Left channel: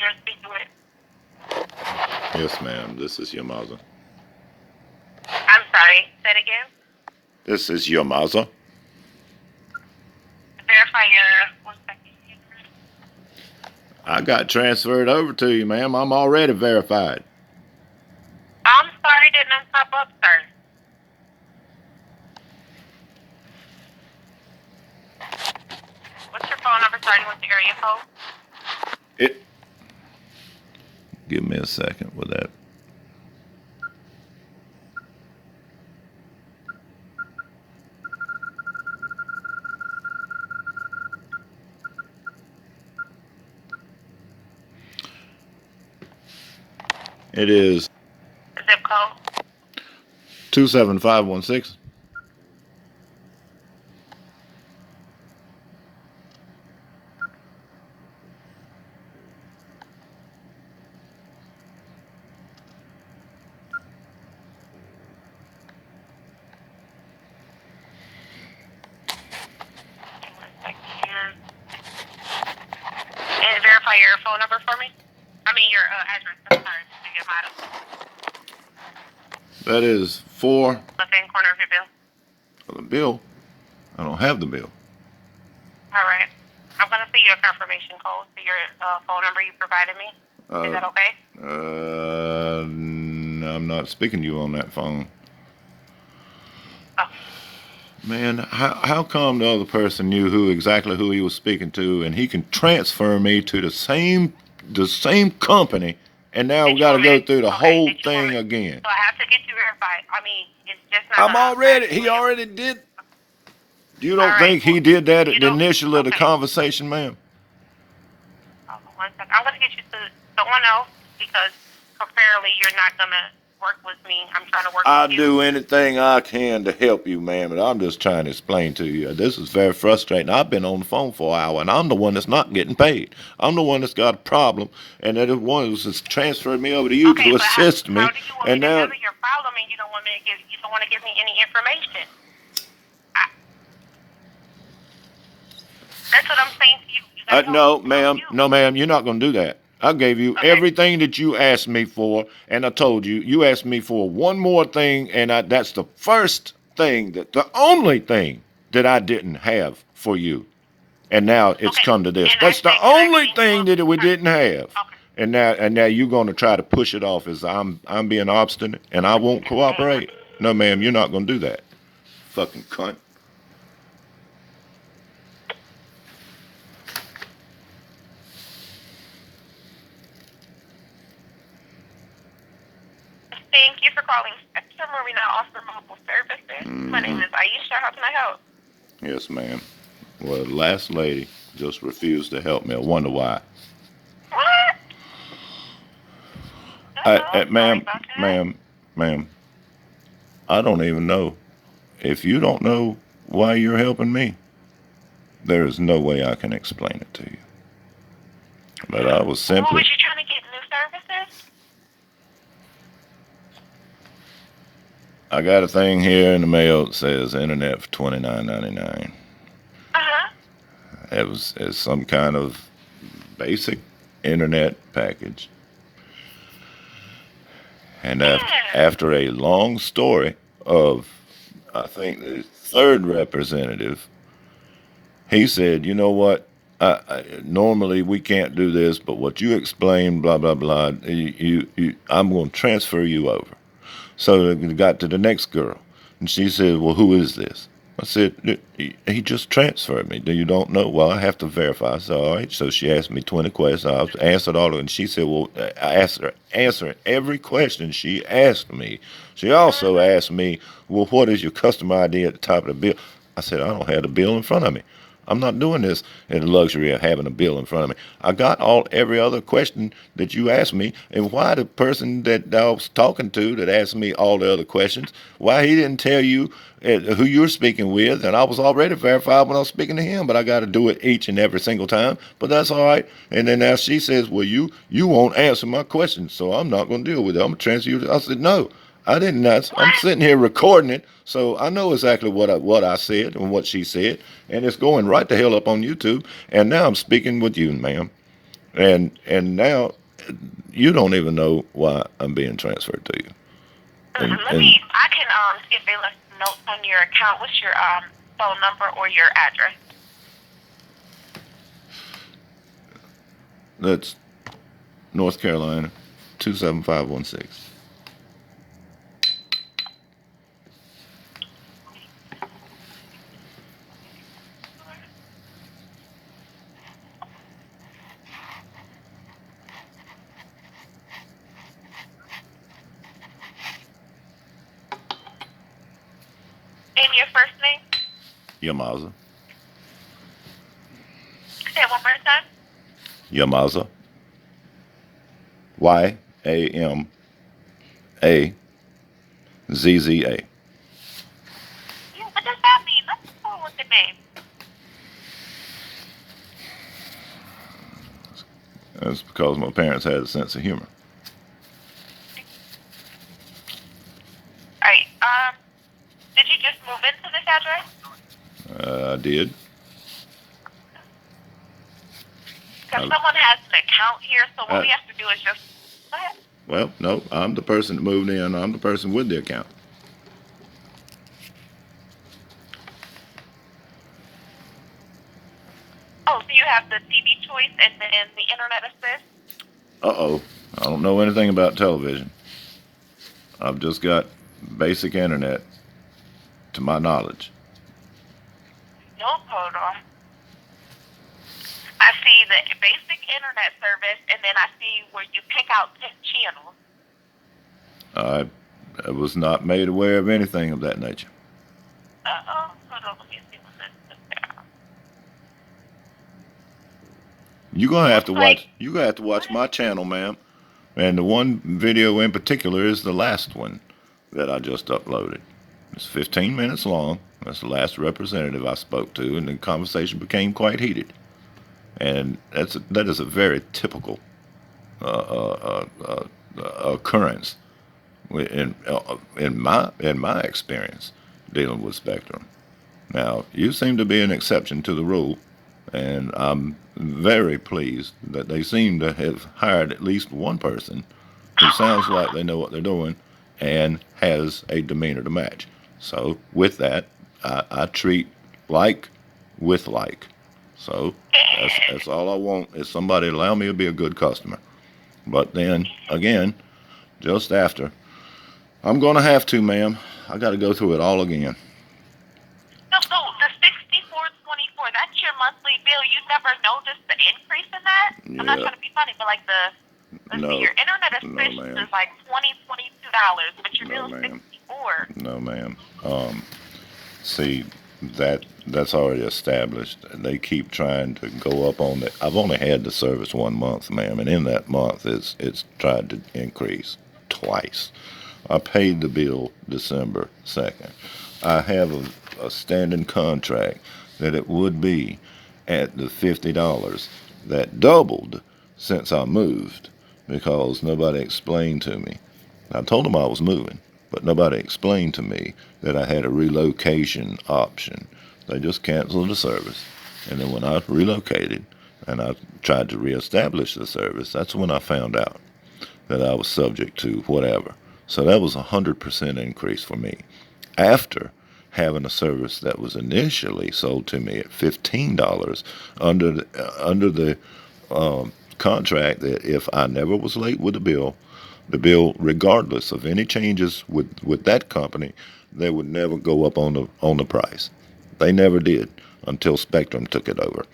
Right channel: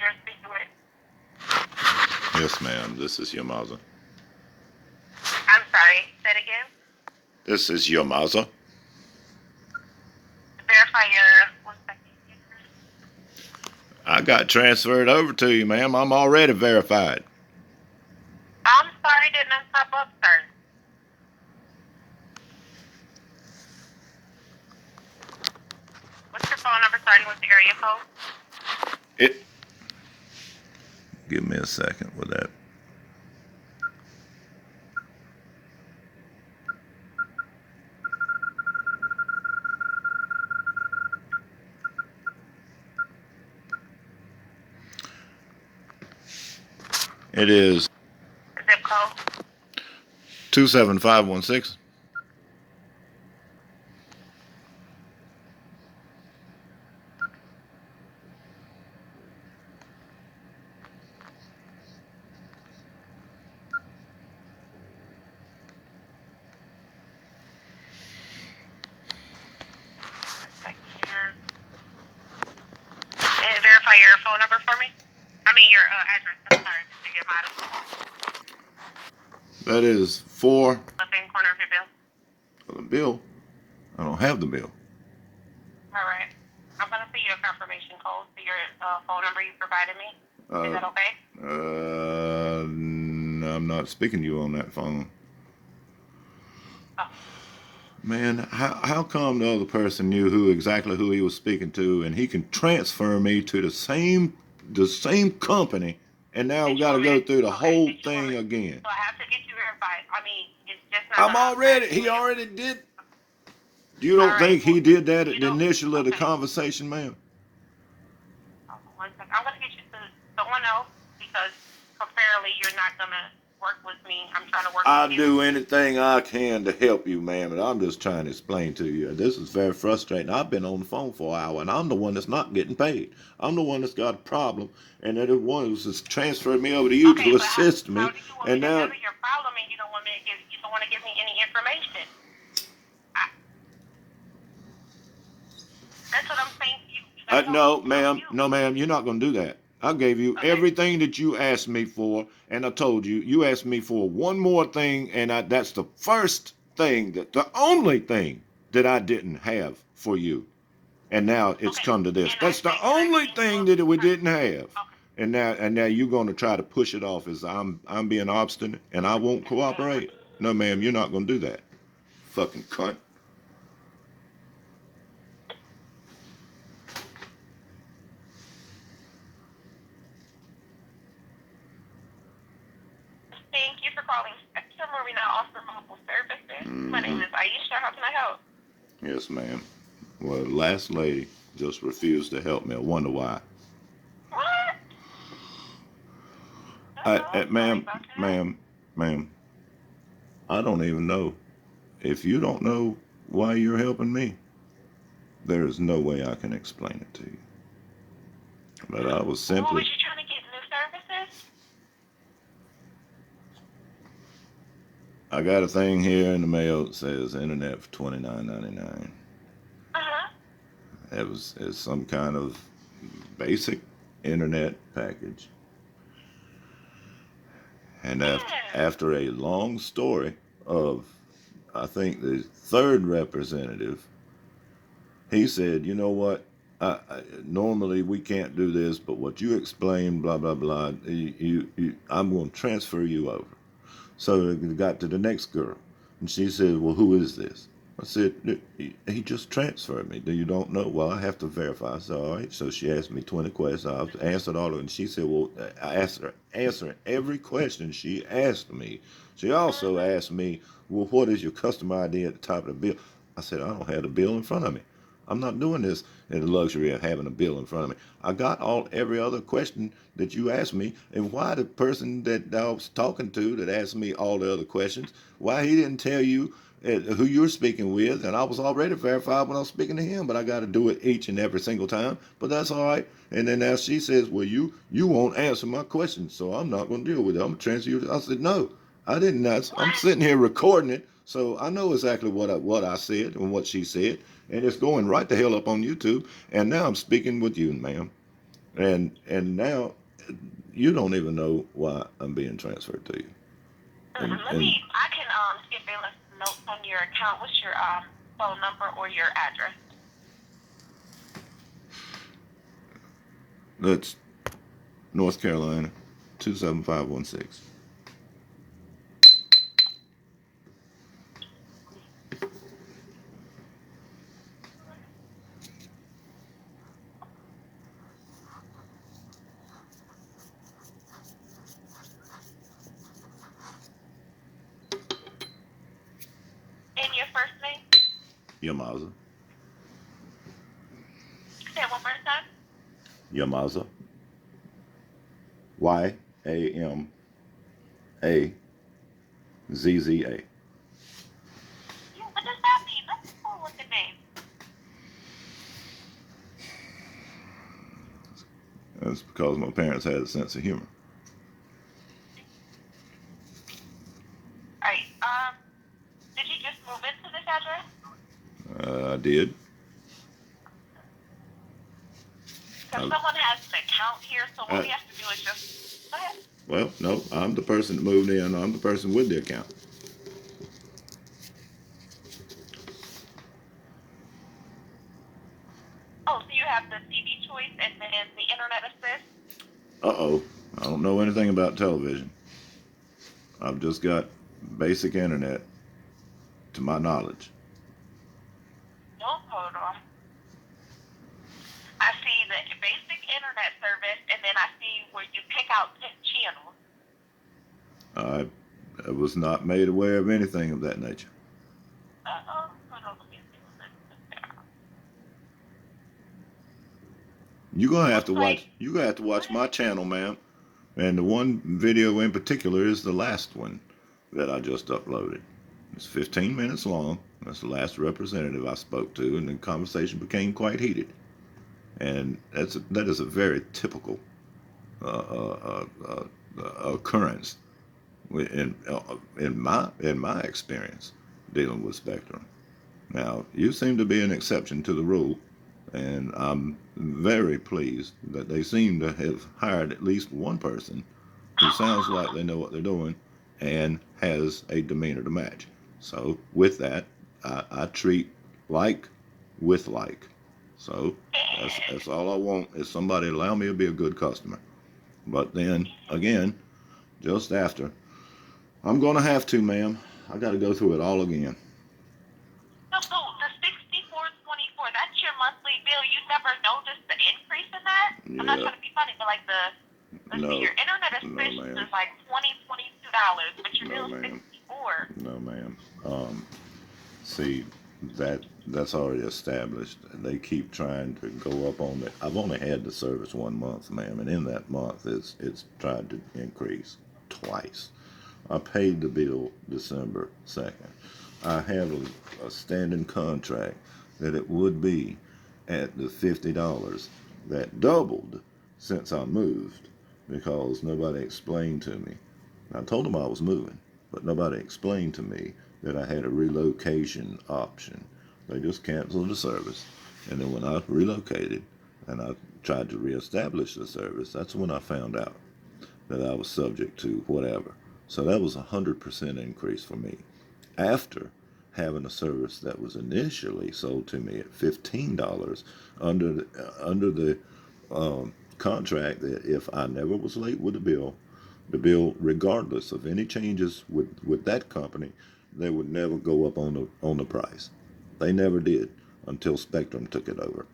you're speaking with. Yes, ma'am. This is your mother. I'm sorry. Say it again. This is your mother. Verify your 1 second. I got transferred over to you, ma'am. I'm already verified. I'm sorry, didn't pop up, sir. What's your phone number starting with the area code? It. Give me a second with that. It is Zip code. 27516. And verify your phone number for me. I mean your address. I'm sorry. Your model. That is 4. The same corner of your bill. The bill. I don't have the bill. All right. I'm gonna see your confirmation code to your phone number you provided me. Is that okay? I'm not speaking to you on that phone. Oh. Man, how come the other person knew exactly who he was speaking to, and he can transfer me to the same company, and now we got to go through the whole thing again? So I have to get you verified. I mean, it's just not. He already did. You don't think he did that at the initial of the conversation, ma'am? Hold on 1 second. I'm gonna get you to someone else because apparently you're not gonna work with me. I'm trying to work with you. I'll do anything I can to help you, ma'am, and I'm just trying to explain to you. This is very frustrating. I've been on the phone for an hour, and I'm the one that's not getting paid. I'm the one that's got a problem, and that one who's transferred me over to you to assist me. How do you want me to handle your problem, and you don't want to give me any information? That's what I'm saying to you. No, ma'am, you're not going to do that. I gave you everything that you asked me for, and I told you, you asked me for one more thing, and that's the first thing, the only thing that I didn't have for you. And now it's come to this. That's the only thing that we didn't have. And now you're going to try to push it off as I'm being obstinate, and I won't cooperate. No, ma'am, you're not going to do that. Fucking cunt. Thank you for calling Spectrum, where we now offer mobile services. My name is Aisha. How can I help? Yes, ma'am. Well, the last lady just refused to help me. I wonder why. What? Ma'am, I don't even know. If you don't know why you're helping me, there is no way I can explain it to you. But I was simply... What was you trying to get new services? I got a thing here in the mail that says internet for $29.99. It's some kind of basic internet package. And after a long story of, I think, the third representative, he said, you know what, normally we can't do this, but what you explained, blah, blah, blah, I'm going to transfer you over. So we got to the next girl, and she said, well, who is this? I said, he just transferred me. You don't know? Well, I have to verify. I said, all right. So she asked me 20 questions. I answered all of them. And she said, well, I asked her, answer every question she asked me. She also asked me, well, what is your customer ID at the top of the bill? I said, I don't have the bill in front of me. I'm not doing this in the luxury of having a bill in front of me. I got every other question that you asked me, and why the person that I was talking to that asked me all the other questions, why he didn't tell you who you're speaking with, and I was already verified when I was speaking to him, but I got to do it each and every single time, but that's all right. And then now she says, well, you won't answer my questions, so I'm not going to deal with it. I'm going to transfer you. I said, no, I didn't answer. I'm sitting here recording it, so I know exactly what I said and what she said, and it's going right the hell up on YouTube, and now I'm speaking with you, ma'am. And now you don't even know why I'm being transferred to you. And I can get Baylor's notes on your account. What's your phone number or your address? that's North Carolina, 27516. And your first name? Yamaza. Say it one more time. Yamaza. YAMAZZA. Yeah, what does that mean? Let's go with the name. That's because my parents had a sense of humor. All right. Did you just move into this address? I did. Because someone has an account here, so what we have to do is just. Go ahead. Well, no, I'm the person that moved in. I'm the person with the account. Oh, so you have the TV choice and then the internet assist? Uh-oh. I don't know anything about television. I've just got basic internet, to my knowledge. No, hold on. I see the basic internet service, and then I see where you pick out 10 channels. I was not made aware of anything of that nature. Uh-oh. Hold on, let me see what this is. You're gonna have to watch. You're gonna have to watch my channel, ma'am. And the one video in particular is the last one that I just uploaded. It's 15 minutes long. That's the last representative I spoke to, and the conversation became quite heated. And that is a very typical occurrence in my experience dealing with Spectrum. Now, you seem to be an exception to the rule, and I'm very pleased that they seem to have hired at least one person who sounds like they know what they're doing and has a demeanor to match. So, with that, I treat like with like. So, that's all I want is somebody to allow me to be a good customer. But then, again, just after, I'm going to have to, ma'am. I got to go through it all again. So the 64.24, that's your monthly bill. You never noticed the increase in that? Yeah. I'm not trying to be funny, but like your internet assist is like $22, but your bill is $64. No, ma'am. See, that's already established. They keep trying to go up on it. I've only had the service 1 month, ma'am, and in that month, it's tried to increase twice. I paid the bill December 2nd. I have a standing contract that it would be at the $50 that doubled since I moved because nobody explained to me. I told them I was moving, but nobody explained to me that I had a relocation option. They just canceled the service. And then when I relocated and I tried to reestablish the service, that's when I found out that I was subject to whatever. So that was 100% increase for me. After having a service that was initially sold to me at $15 under the contract that if I never was late with the bill, regardless of any changes with that company, they would never go up on the price. They never did until Spectrum took it over.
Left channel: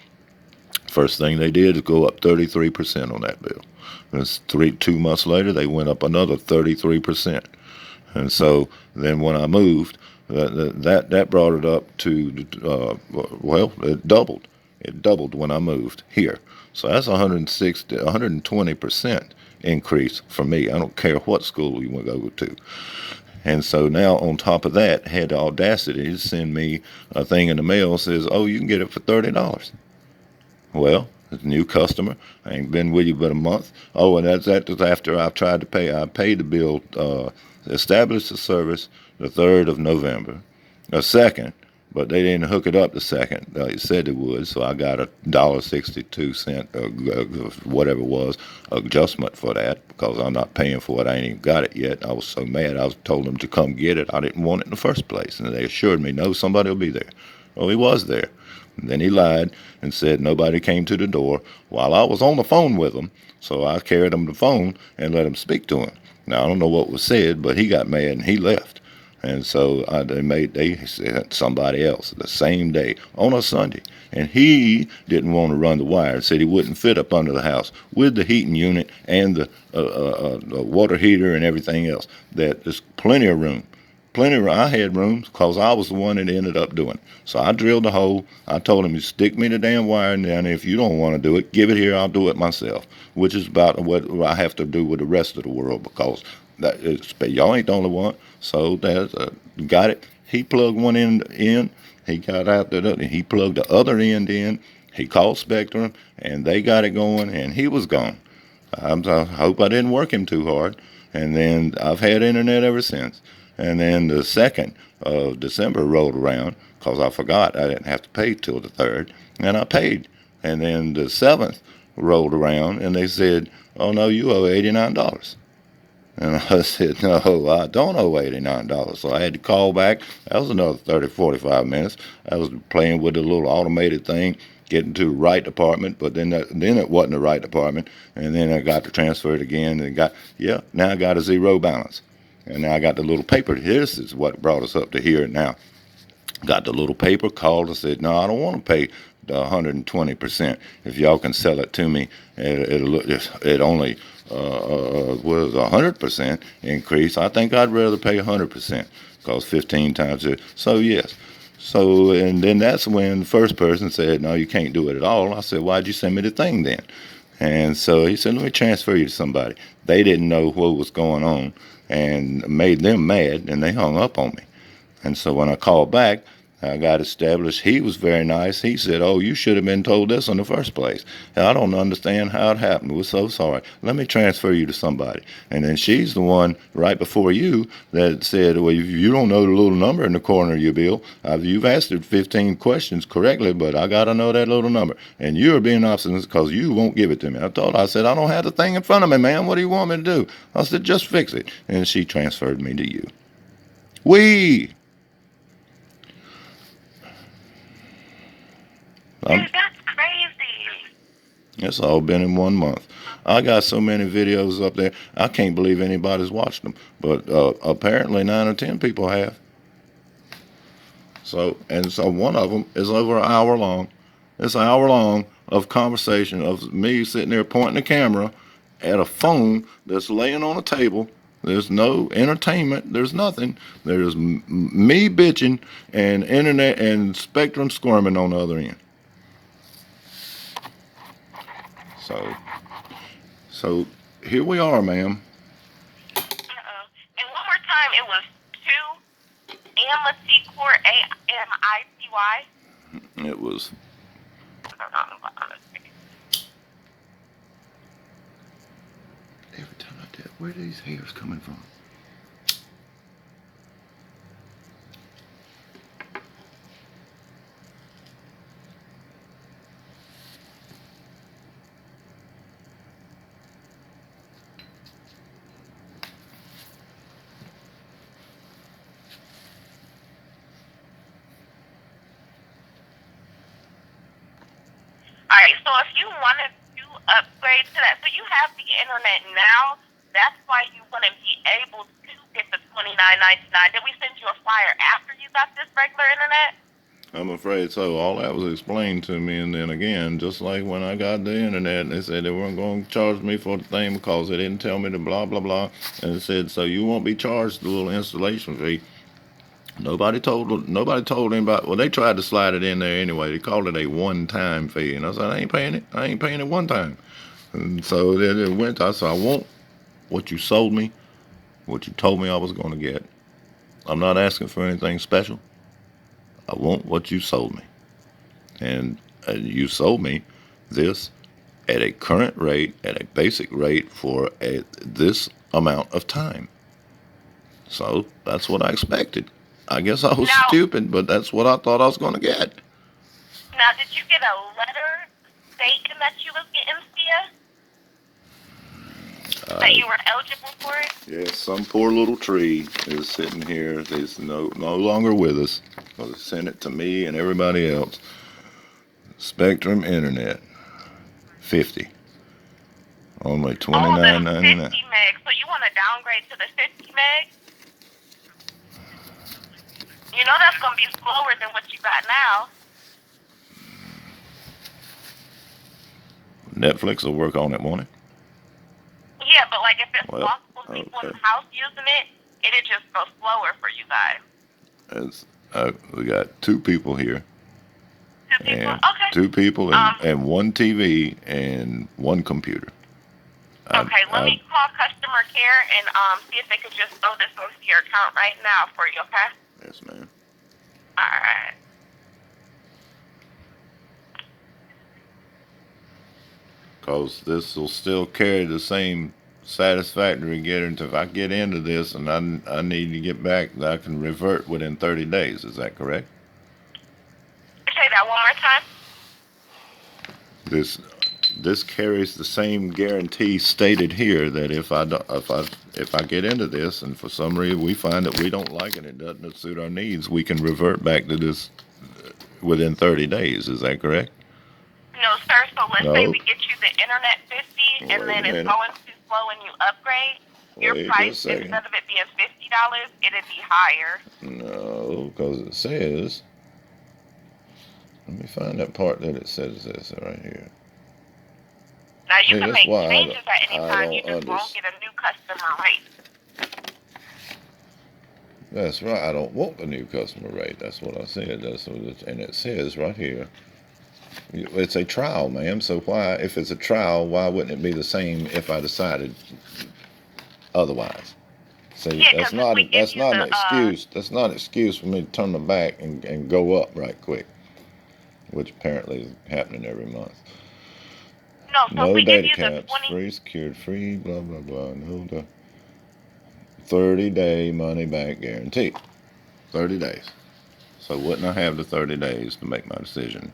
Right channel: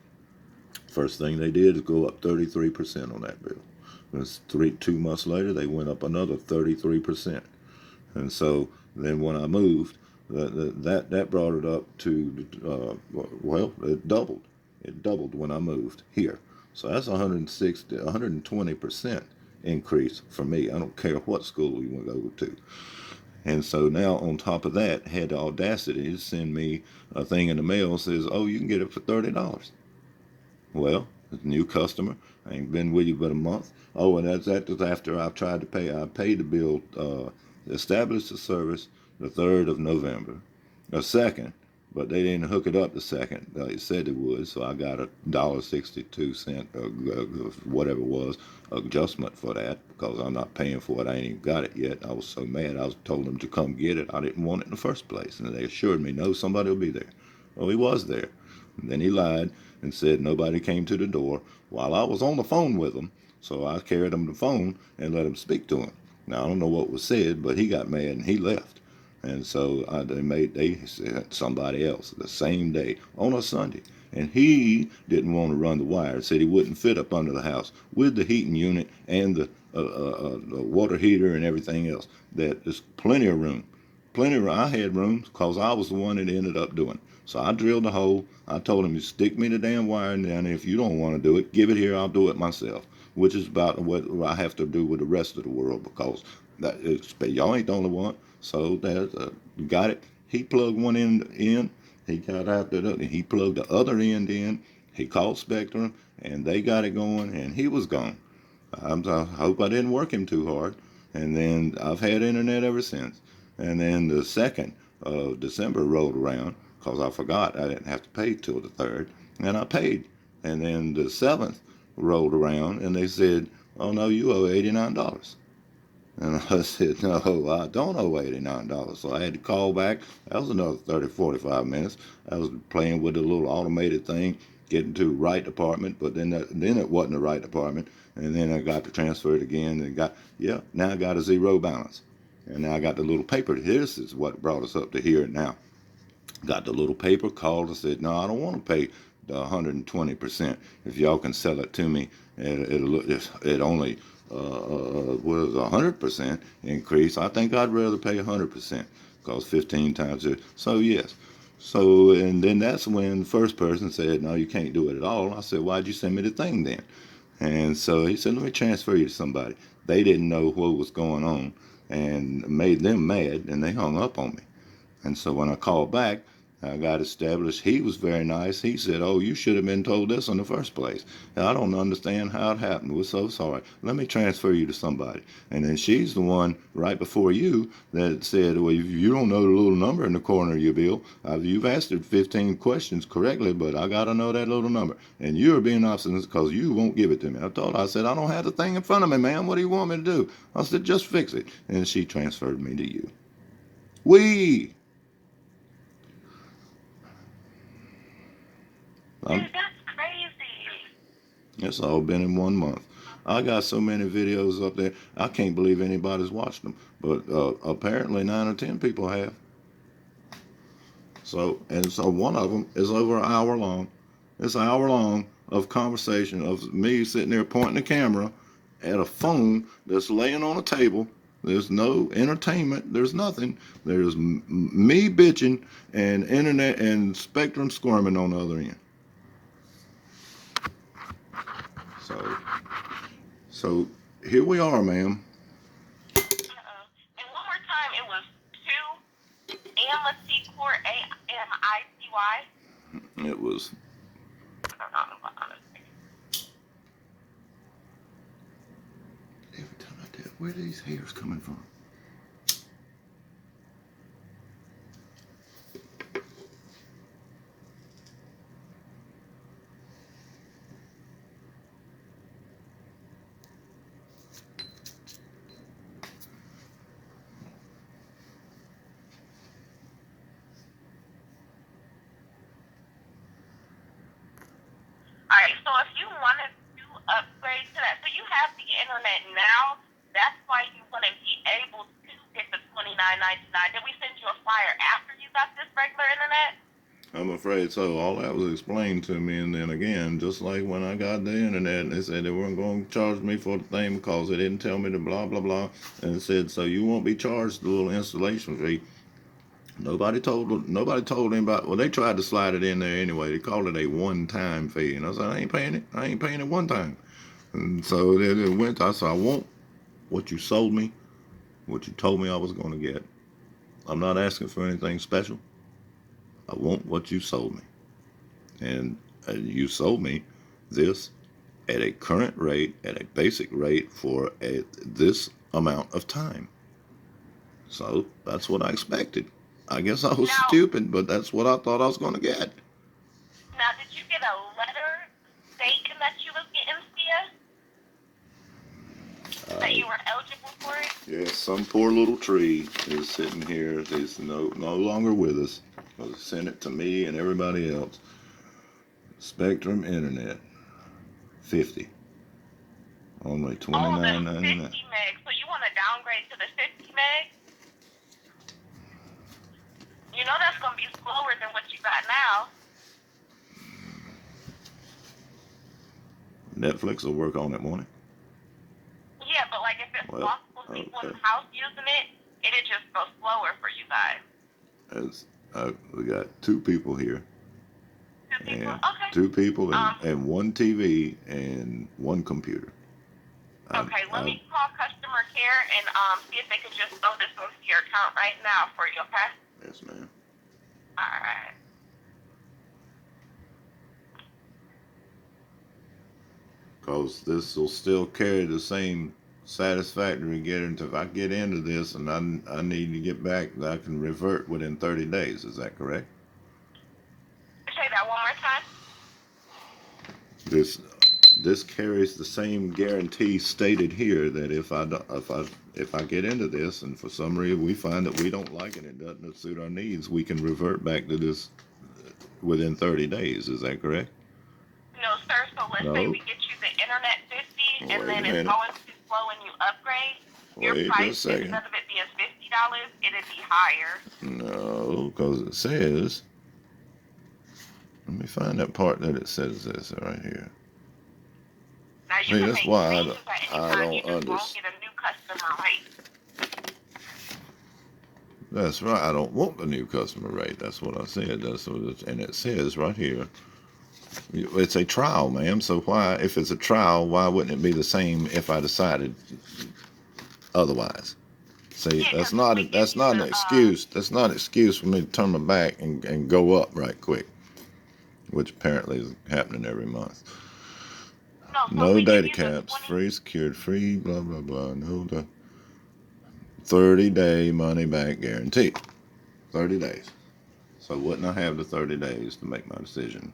First thing they did is go up 33% on that bill. And 2 months later, they went up another 33%. And so then when I moved, that brought it up to, it doubled. It doubled when I moved here. So that's 120% increase for me. I don't care what school you want to go to. And so now on top of that, had the audacity to send me a thing in the mail that says, oh, you can get it for $30. Well, it's a new customer. I ain't been with you but a month. Oh, and that's after I've tried to pay. I paid the bill, established the service the 3rd of November. The 2nd, but they didn't hook it up the second. They said they would, so I got $1.62, whatever it was, adjustment for that because I'm not paying for it. I ain't even got it yet. I was so mad. I was told them to come get it. I didn't want it in the first place, and they assured me, no, somebody will be there. Well, he was there. And then he lied and said nobody came to the door while I was on the phone with him. So I carried him the phone and let him speak to him. Now I don't know what was said, but he got mad and he left. And so they sent somebody else the same day on a Sunday. And he didn't want to run the wire. Said he wouldn't fit up under the house with the heating unit and the water heater and everything else. That there's plenty of room. Plenty of room. I had rooms because I was the one that ended up doing it. So I drilled the hole. I told him, you stick me the damn wire in there, and if you don't want to do it, give it here. I'll do it myself, which is about what I have to do with the rest of the world because y'all ain't the only one. So that's got it. He plugged one end in. He got out there. He plugged the other end in. He called Spectrum, and they got it going, and he was gone. I hope I didn't work him too hard. And then I've had internet ever since. And then the 2nd of December rolled around because I forgot I didn't have to pay till the 3rd, and I paid. And then the 7th rolled around, and they said, oh, no, you owe $89. And I said, no, I don't owe $89. So I had to call back. That was another 30, 45 minutes. I was playing with a little automated thing, getting to the right department, but then it wasn't the right department. And then I got to transfer it again and now I got a zero balance. And now I got the little paper. This is what brought us up to here now. Got the little paper, called and said, no, I don't want to pay the 120%. If y'all can sell it to me, it only was 100% increase. I think I'd rather pay 100% because 15 times it. So yes. So, and then that's when the first person said, no, you can't do it at all. I said, why'd you send me the thing then? And so he said, let me transfer you to somebody. They didn't know what was going on and made them mad, and they hung up on me. And so when I called back, I got established. He was very nice. He said, oh, you should have been told this in the first place. I don't understand how it happened. We're so sorry. Let me transfer you to somebody. And then she's the one right before you that said, well, you don't know the little number in the corner of your bill. You've answered 15 questions correctly, but I got to know that little number. And you're being obstinate because you won't give it to me. I said, I don't have the thing in front of me, man. What do you want me to do? I said, just fix it. And she transferred me to you. Dude, that's crazy. It's all been in 1 month. I got so many videos up there, I can't believe anybody's watched them. But apparently 9 or 10 people have. So one of them is over an hour long. It's an hour long of conversation of me sitting there pointing the camera at a phone that's laying on a table. There's no entertainment. There's nothing. There's me bitching and internet and Spectrum squirming on the other end. So here we are, ma'am. Uh-oh. And one more time, it was 2 Amity Court, AMICY. It was. Every time I did, where are these hairs coming from? All right, so if you wanted to upgrade to that, so you have the internet now, that's why you wouldn't be able to get the $29.99. Did we send you a flyer after you got this regular internet? I'm afraid so. All that was explained to me, and then again, just like when I got the internet, they said they weren't going to charge me for the thing because they didn't tell me the blah blah blah, and it said so you won't be charged the little installation fee. Nobody told anybody. Well, they tried to slide it in there anyway. They called it a one-time fee, and I said I ain't paying it. I ain't paying it one time. And so then it went. I said I want what you sold me, what you told me I was going to get. I'm not asking for anything special. I want what you sold me. And you sold me this at a current rate, at a basic rate for this amount of time. So that's what I expected. I guess I was Now, stupid, but that's what I thought I was going to get. now, did you get a letter stating that you was getting CS? That you were eligible for it? Yeah, some poor little tree is sitting here. Is no longer with us. Well, they sent it to me and everybody else. Spectrum Internet, 50. Only Oh, the 29.99. 50 meg. So you want to downgrade to the 50 meg? You know that's going to be slower than what you got now. Netflix will work on it, won't it? Yeah, but like if it's Well, multiple people in okay. the house using it, it'd just go slower for you guys. We got two people here, Two people? and Okay. two people Um, and one TV and one computer. okay, let I me call customer care and see if they could just throw this into your account right now for you, okay? Yes, ma'am. Alright. Because this will still carry the same satisfactory guarantee. If I get into this and I need to get back, I can revert within 30 days. Is that correct? Say that one more time. This carries the same guarantee stated here that if I get into this and for some reason we find that we don't like it, it doesn't suit our needs, we can revert back to this within 30 days. Is that correct? No, sir. So let's say No. we get you the Internet 50 and Wait a then it's minute. going too slow and you upgrade. Your Wait price, just a second. instead of it being $50, it'd be higher. No, because it says. Let me find that part that it says this right here. Now you See, can that's make why changes at any I time. You don't just won't understand. get a new customer rate. That's right. I don't want the new customer rate. That's what I said. That's what it, and it says right here. It's a trial, ma'am. So why, if it's a trial, why wouldn't it be the same if I decided otherwise? See, Yeah, because if we give that's you not the an excuse. That's not an excuse for me to turn my back and go up right quick, which apparently is happening every month. no, so if No we give data you the caps, 20, free secured, free blah blah blah. No the 30-day money back guarantee. 30 days. So wouldn't I have the 30 days to make my decision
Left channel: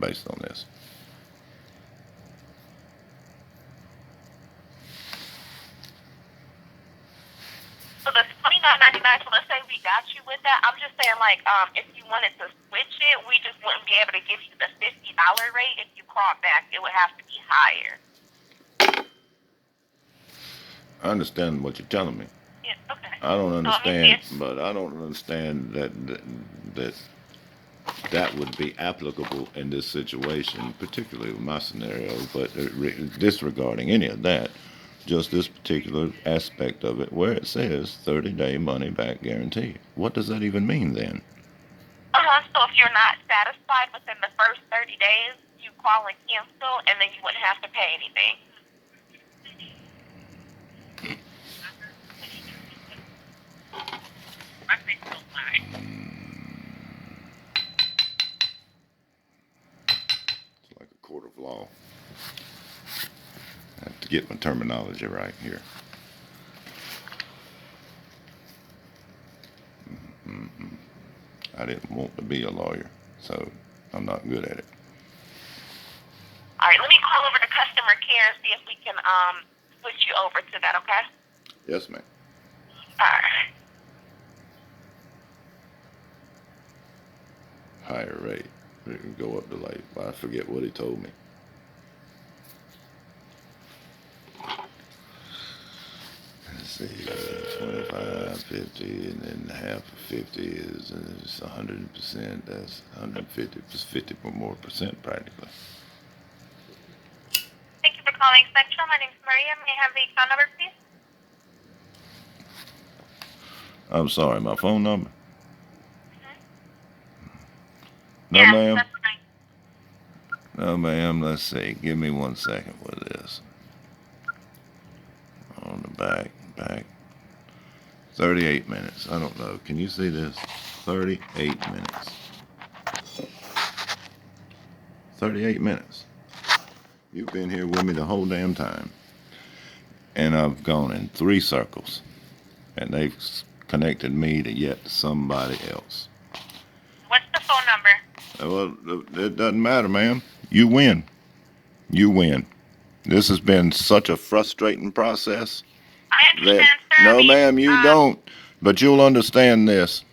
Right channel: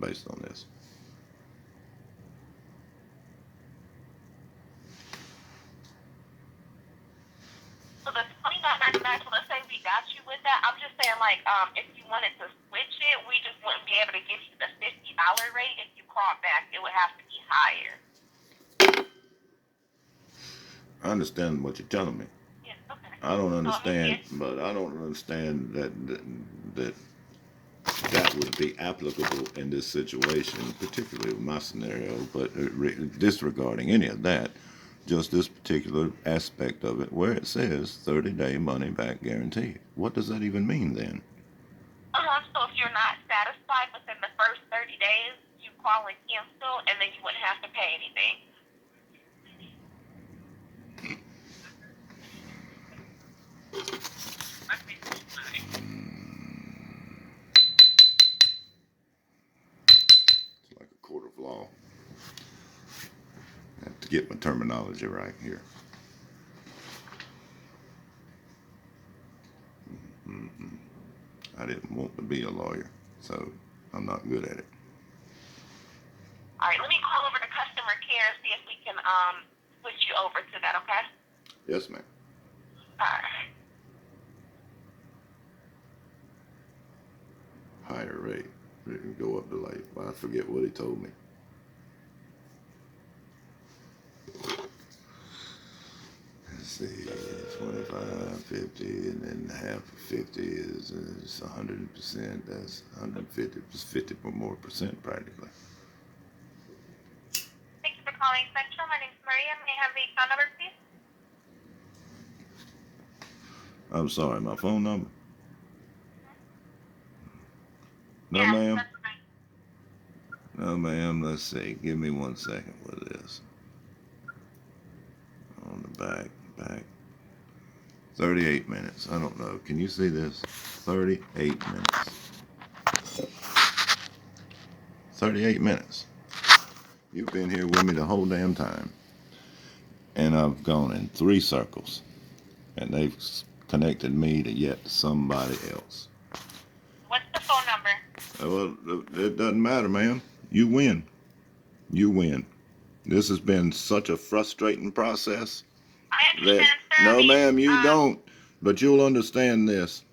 based on this? so the $29.99. So let's say we got you with that. I'm just saying, like, if you wanted to switch it, we just wouldn't be able to give you the $50 rate. If you call back, it would have to be higher. I understand what you're telling me. Yeah, okay. I don't So let me see understand, if but I don't understand that that would be applicable in this situation, particularly with my scenario. But disregarding any of that, just this particular aspect of it, where it says 30-day money back guarantee. What does that even mean then? So if you're not satisfied within the first 30 days, you call and cancel, and then you wouldn't have to pay anything. It's like a court of law. I have to get my terminology right here. Mm-mm. I didn't want to be a lawyer, so I'm not good at it. All right, let me call over to customer care and see if we can switch you over to that, okay? Yes, ma'am. All right. Higher rate. It can go up to like, I forget what he told me. Let's see, 25, 50, and then half of 50 is 100%. That's 150, 50 or more percent practically. Thank you for calling Spectrum. My name's Maria. May I have the phone number, please? I'm sorry, my phone number? No, Yes, ma'am. that's right. No, ma'am. Let's see. Give me 1 second with this. On the back. 38 minutes. I don't know. Can you see this? 38 minutes. 38 minutes. You've been here with me the whole damn time. And I've gone in 3 circles. And they've connected me to yet somebody else. What's the phone number? Well, it doesn't matter, ma'am. You win. You win. This has been such a frustrating process I that, understand, sir. no, ma'am, you don't. But you'll understand this.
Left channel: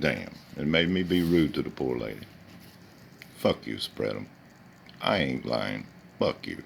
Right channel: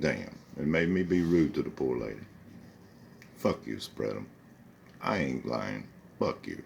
Damn, it made me be rude to the poor lady. Fuck you, spread 'em. I ain't lying. Fuck you.